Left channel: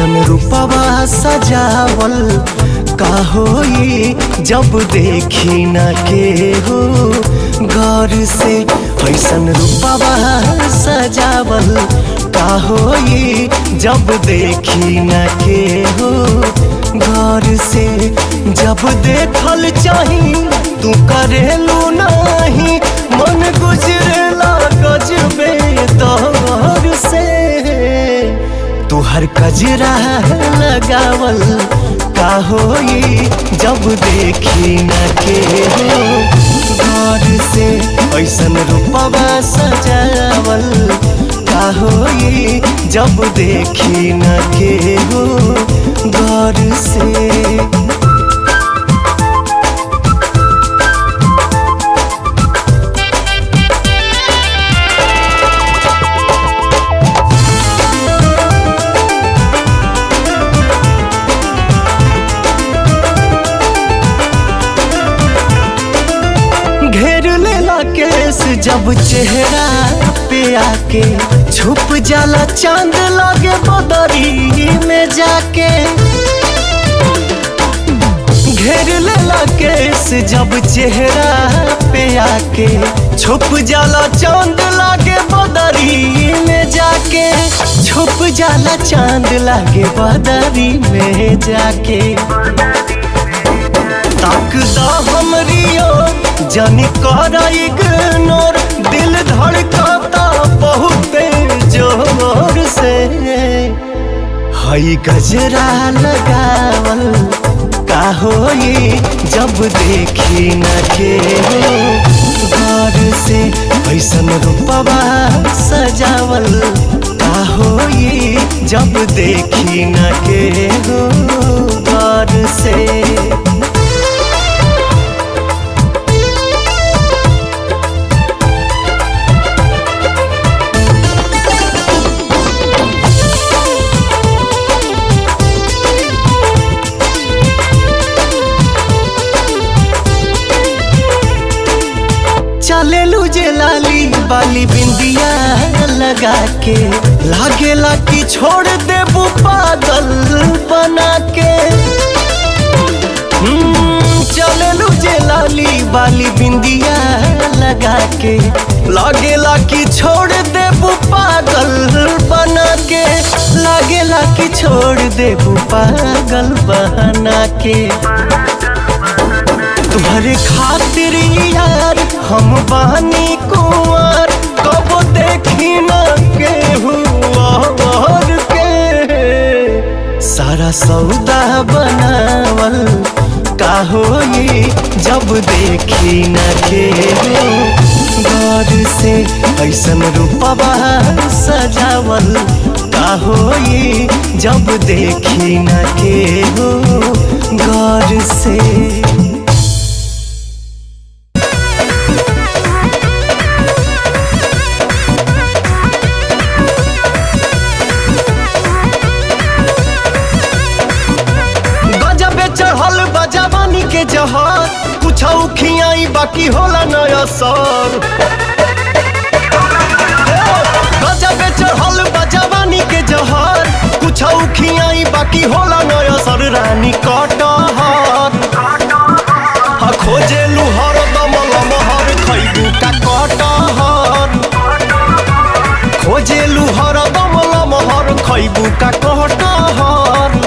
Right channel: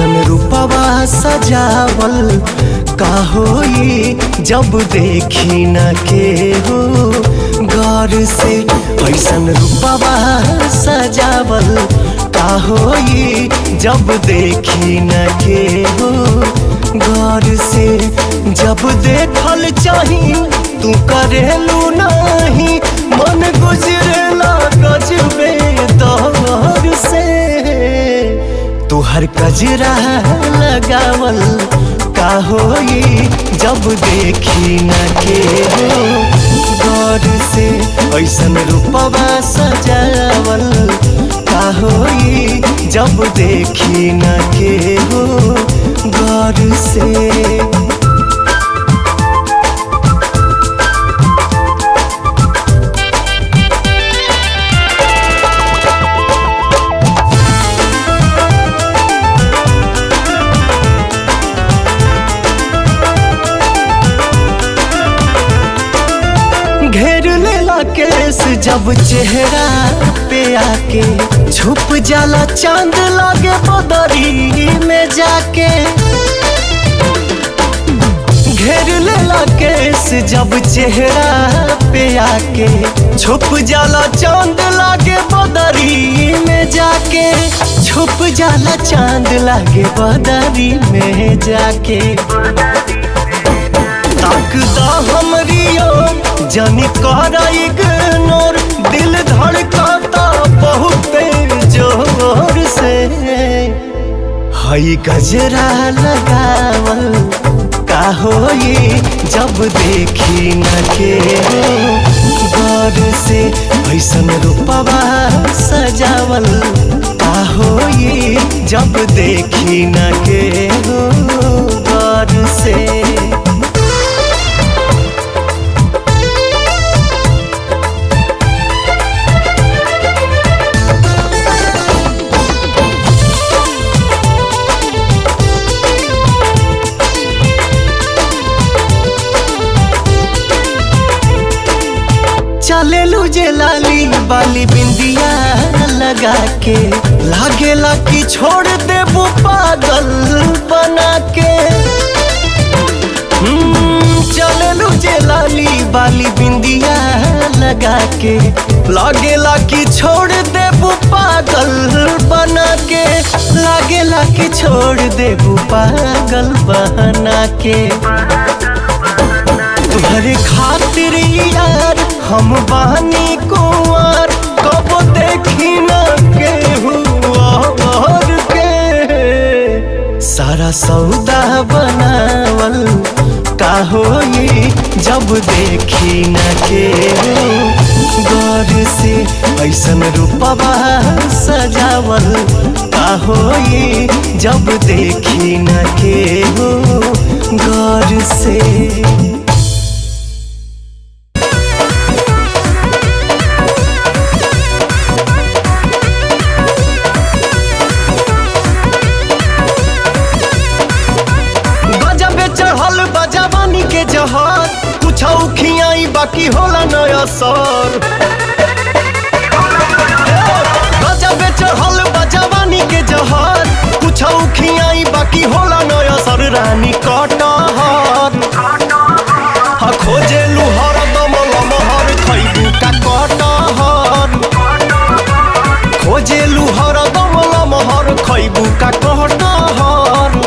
ऐसन रूपवा सजावल का होई जब देखी न के हो गौर से। ऐसन रूपवा सजावल का होई जब देखी न के हो गौर से। जब देखल चाही तू करेलू नहीं, मन गुजरेला गजबे दौर से। तू हर कजरा लगावल का होई जब देखी न के हो गौर से। ऐसन रूपवा सजावल का होई जब देखी न के हो गौर से। घेर लेला केस जब चेहरा पे आके, छुप जाला चांद लागे बदरी में जाके। घेर लेला केस जब चेहरा पे आके, छुप जाला चांद लागे बदरी में जाके। छुप जाला चांद लागे बदरी में जाके। ताकदा हमरी ओर जानी करा इग्नोर, दिल धड़काता बहुत जोर से। हई गजरा लगावल का होई जब देखी न के हो गौर से। ऐसन रूपवा सजावल का होई जब देखी न के हो गौर से। चलेलू जे लाली बाली बिंदिया लगा के, लागेला कि छोड़ देबू पागल बना के। चलेलू जे लाली बाली बिंदिया लगा के, लागेला कि छोड़ देबू पागल बना के। लागेला कि छोड़ देबू पागल बना के। तुम्हारे खातिर यार हम बानी कुंवर, कब देखी न के हुआ और के। सारा सौदा बनावल का होई जब देखी न के हो गौर से। ऐसन रूपवा सजावल का होई जब देखी न के हो गौर से। चढ़ल बजावानी के जहर, कुछ खियाई बाकी होला नया सर। गजबे चढ़ल बजावानी के जहर, कुछ खियाई बाकी होला नया सर। रानी कटहर खोजेलू हरदम लमहर, खैबू का कटहर। खोजेलू हरदम लमहर, खैबू का कटहर।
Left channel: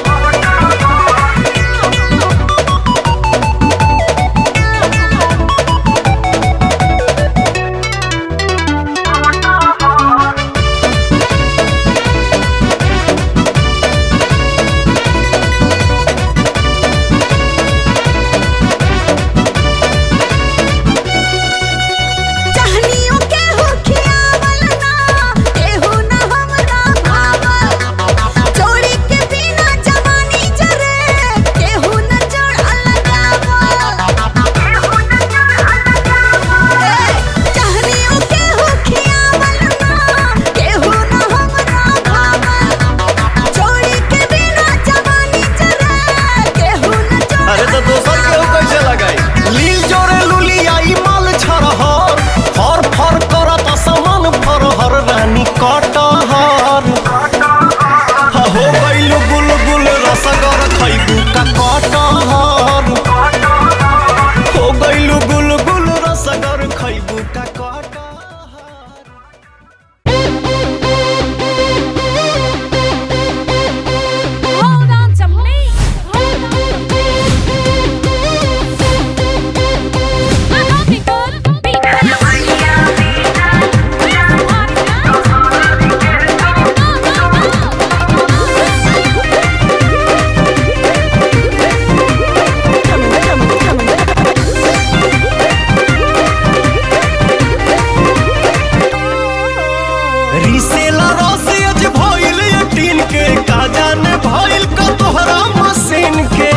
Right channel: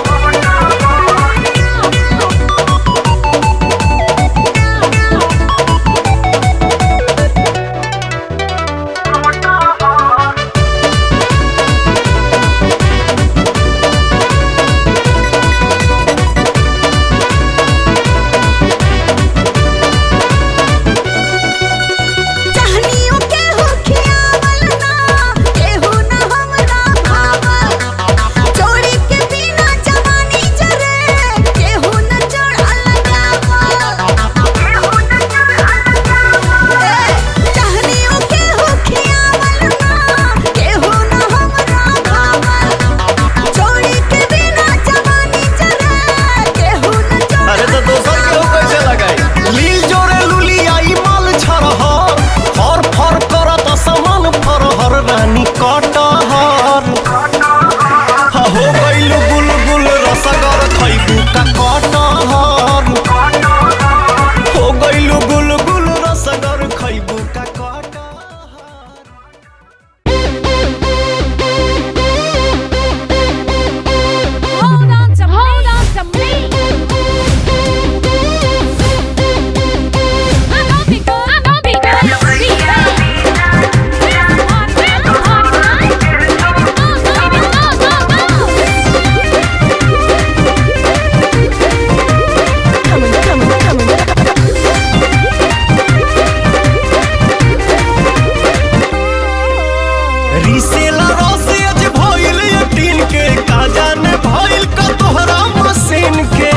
रानी कटहर हो गइलू गुल कटहर हो गइलू गुल गुल रसगर खैबू का कटहर। रिसेला रसियज भइल टीन के का जाने भइल का तोहरा मशीन के।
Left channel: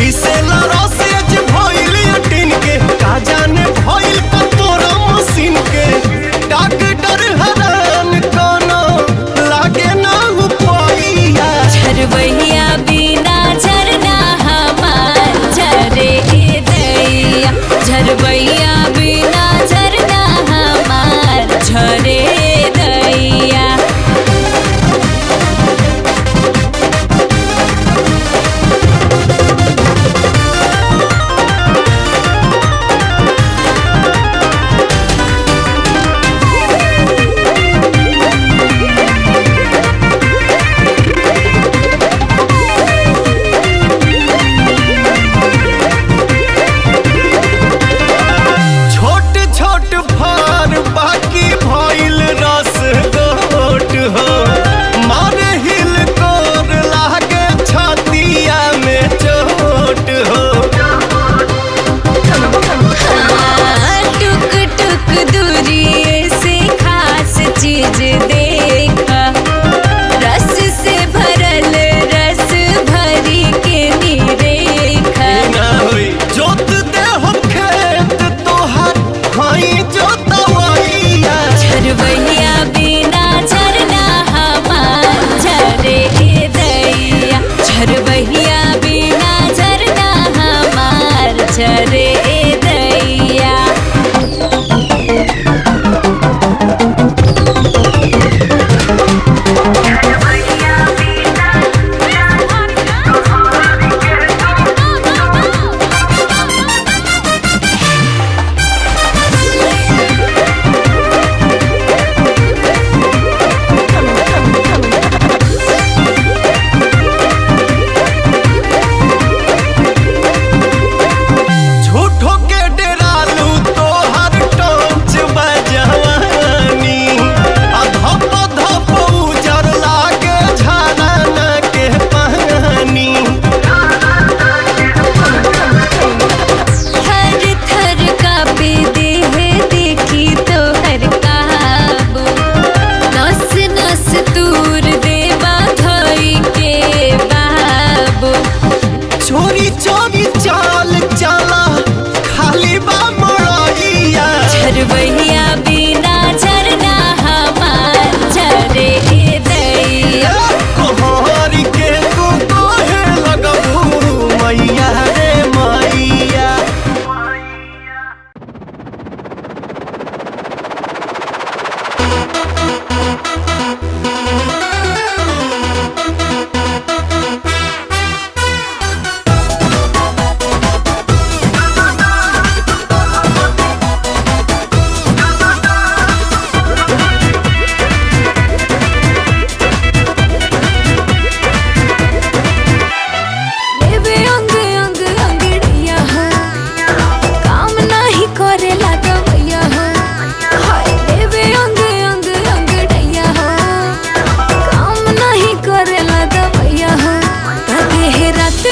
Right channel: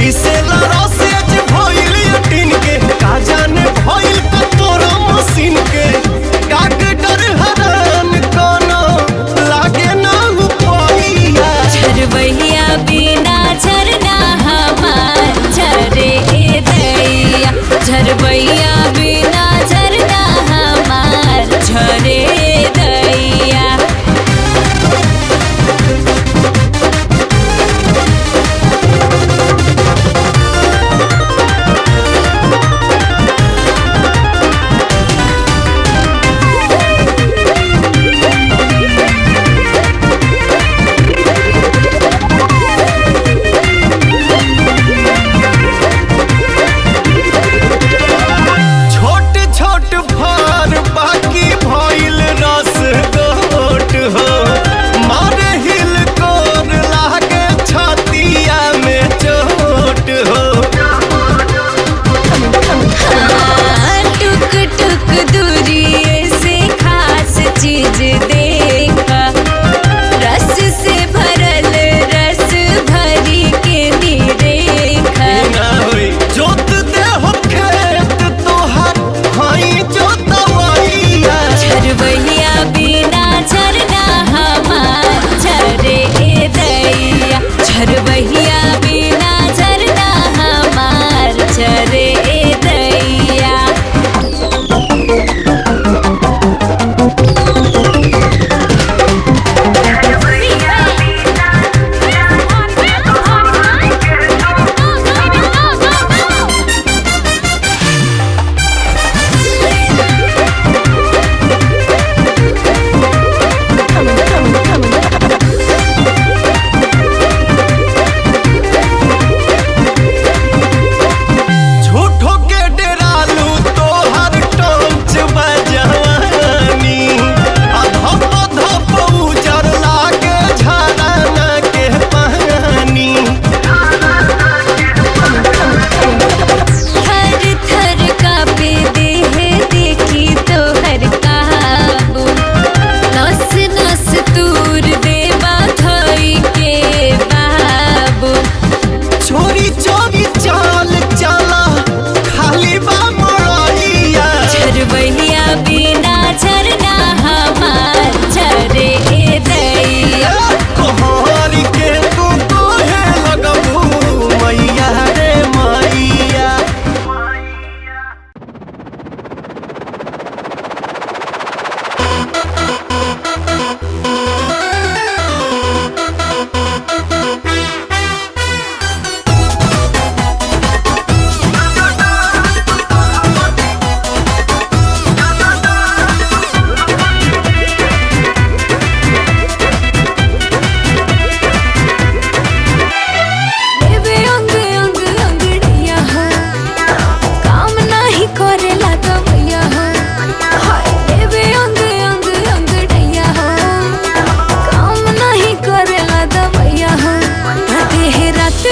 रिसेला रसियज भइल टीन के का जाने भइल का तोहरा मशीन के। डॉक्टर हरान कोनो लागे ना उपाइया। झरबैया बिना झरना हमार झरे दैया। झरबैया बिना झरना हमार झरे दैया। बाकी भइल रस गोट हो मारे हिल कोर लागे छतिया में चोट हो। टुक टुक दूरी से खास चीज देखा। रस से भरल रस भरी के निरेखा। जोत दे हम खेत तोहर हई जोतवैया। झरबैया बिना झरना हमार झरे दैया। झरबैया बिना झरना हमार झरे दैया। तूर देवा धई के बाबू। चोरी चोरी चाल चला खाली बा मोरैया। झरबैया बिना झरना हमार झरे दैया। कोहर के तू कोहे लगबू मैया रे मैया।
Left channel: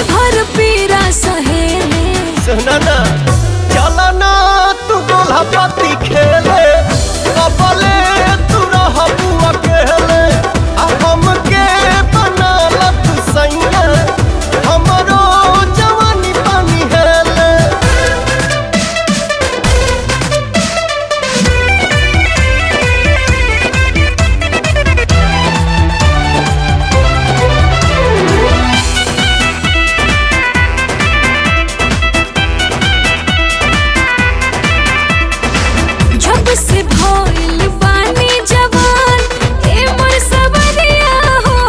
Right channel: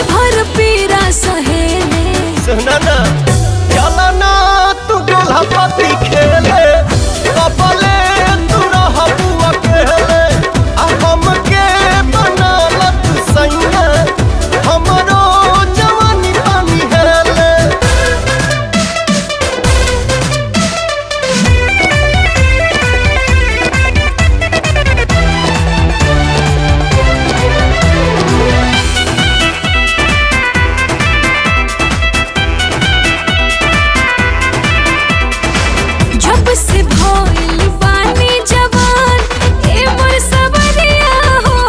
भर पीरा सहेले। सुना ना चला ना तू डोला पति खेले कबले तू रहबू अकेले। हमके बनालत सैया हमरो जवानी पानी हेले। से भइल बानी जवान ए मोर सबरिया हो।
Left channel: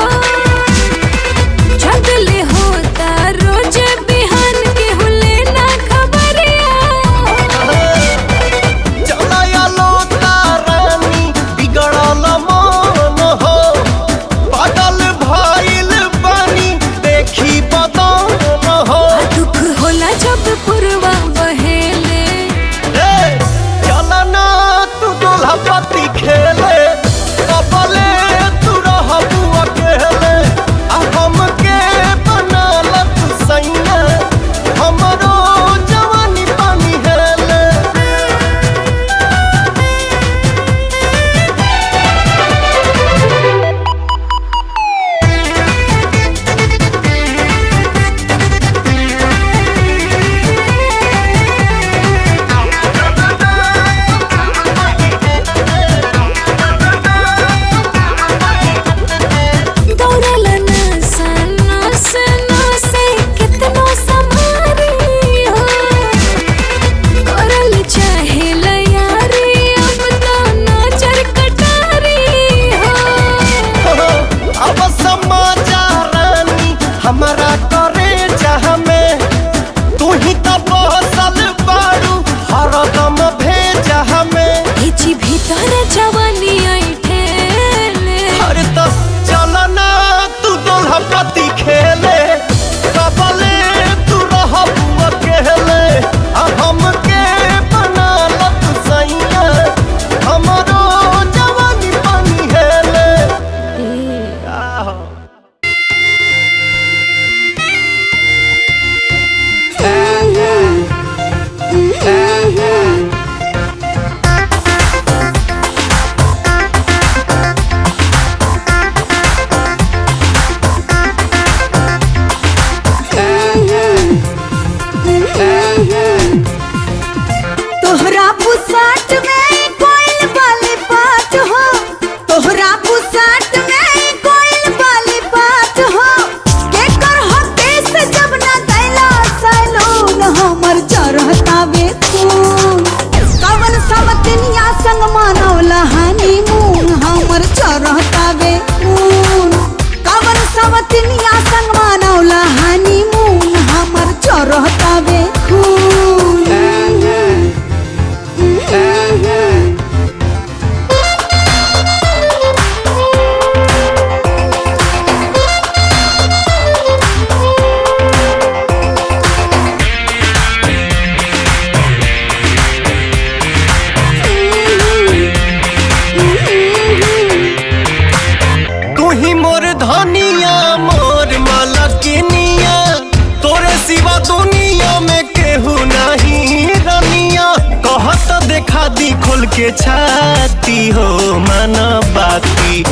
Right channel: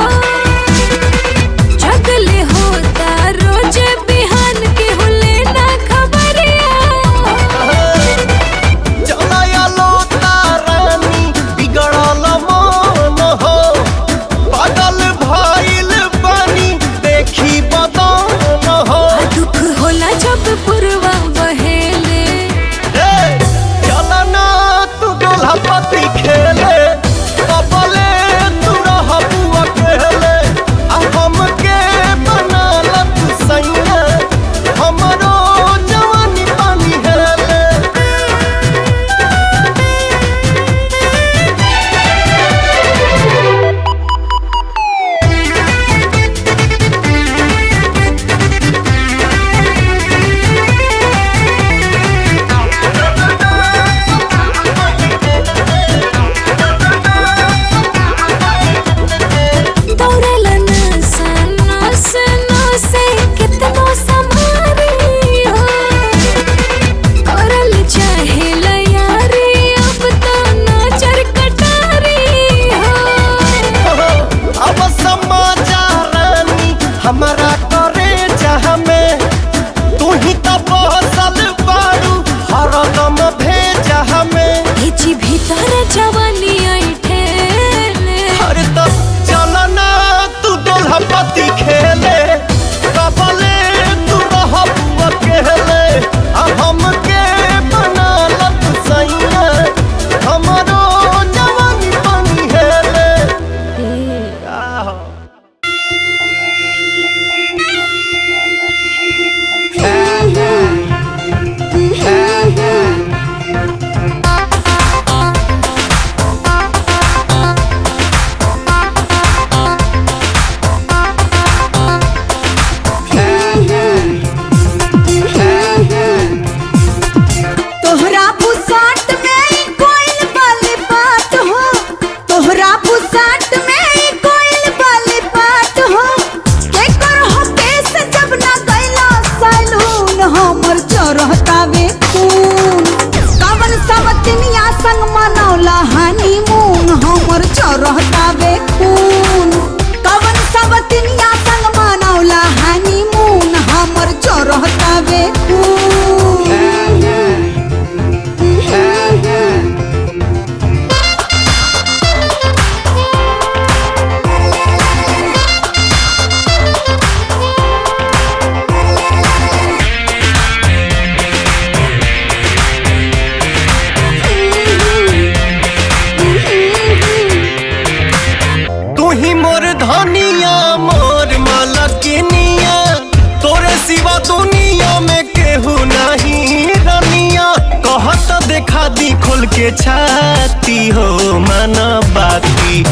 तोहरा दुनिया में केहू नहीं रनिया, कहत देखा दी खोल के छाती हो मन बाती,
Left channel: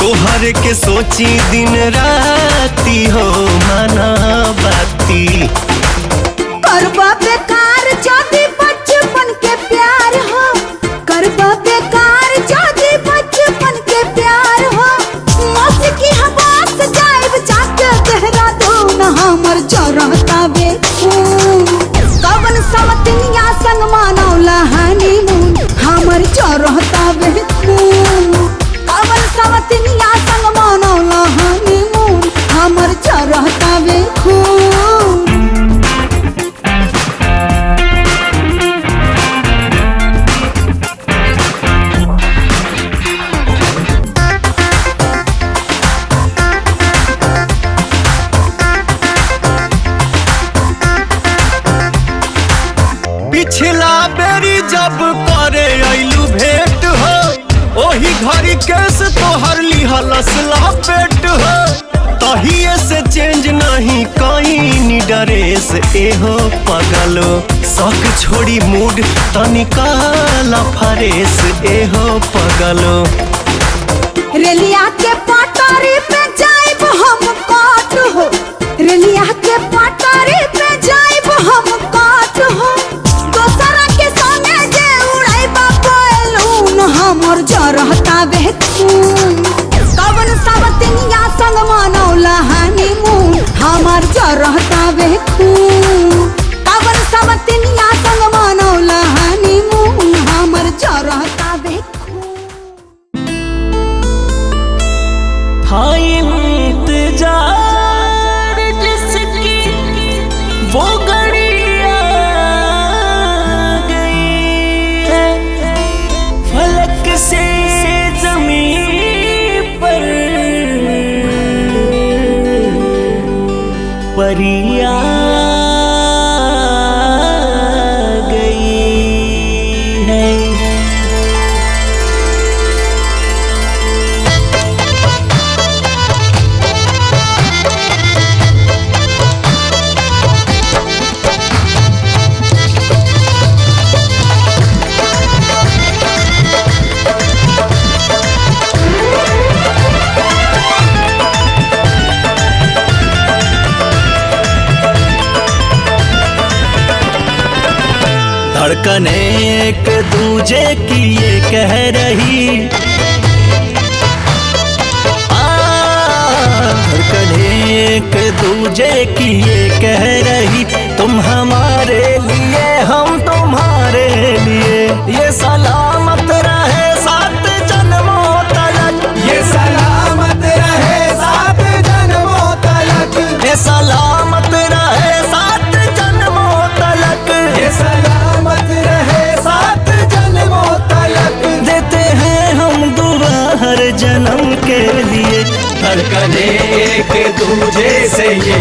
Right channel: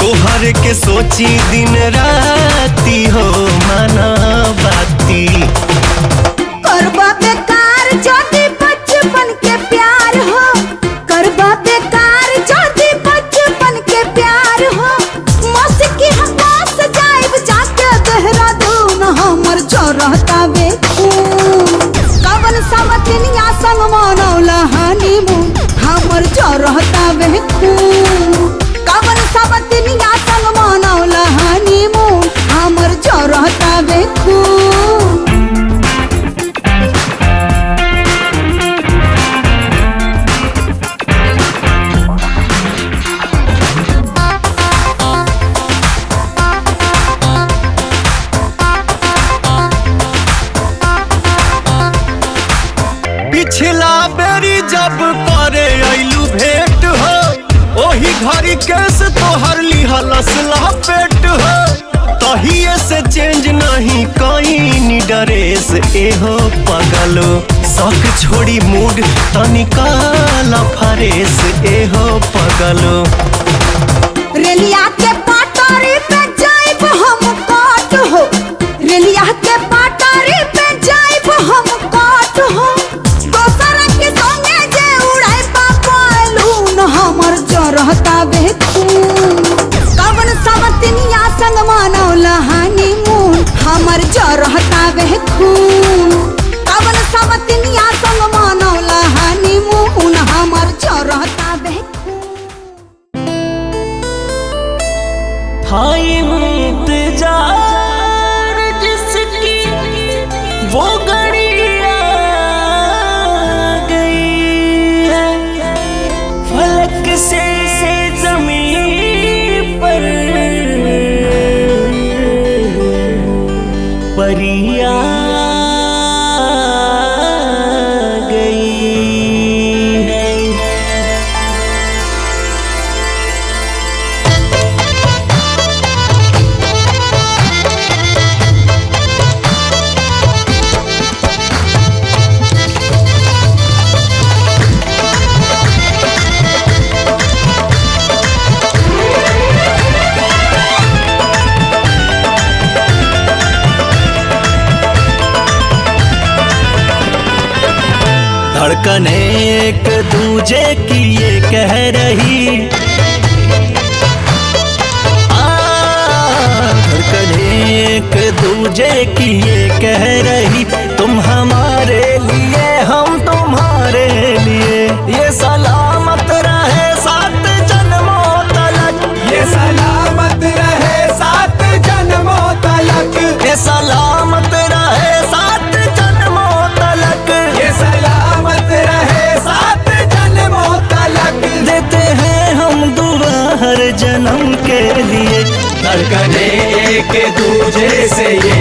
तोहर के सोची दिन राती हो मन बाती। पिछला बेरी जब करे आइलू भेंट हो, ओही घड़ी केस तोहर लिहलस लपेट हो, तहिए से चेंज नहीं कहीं ड्रेस एहो पगलो, शौक छोड़ी मूड तनिकाल फरेस एहो पगलो। था इंतजार जिसकी वो घड़ी आ गई है, फलक से ज़मीन पर परी आ गई है। धड़कन एक दूजे की ये कह रही, धड़कन एक दूजे की ये कह रही, तुम हमारे लिए हम तुम्हारे लिए, ये सलामत रहे सात जन्मों तलक, ये सलामत रहे सात जन्मों तलक, ये सलामत रहे सात जन्मों तलक, देते हैं हम दुआ हर जन्म के लिए। धड़कन एक दूजे से ये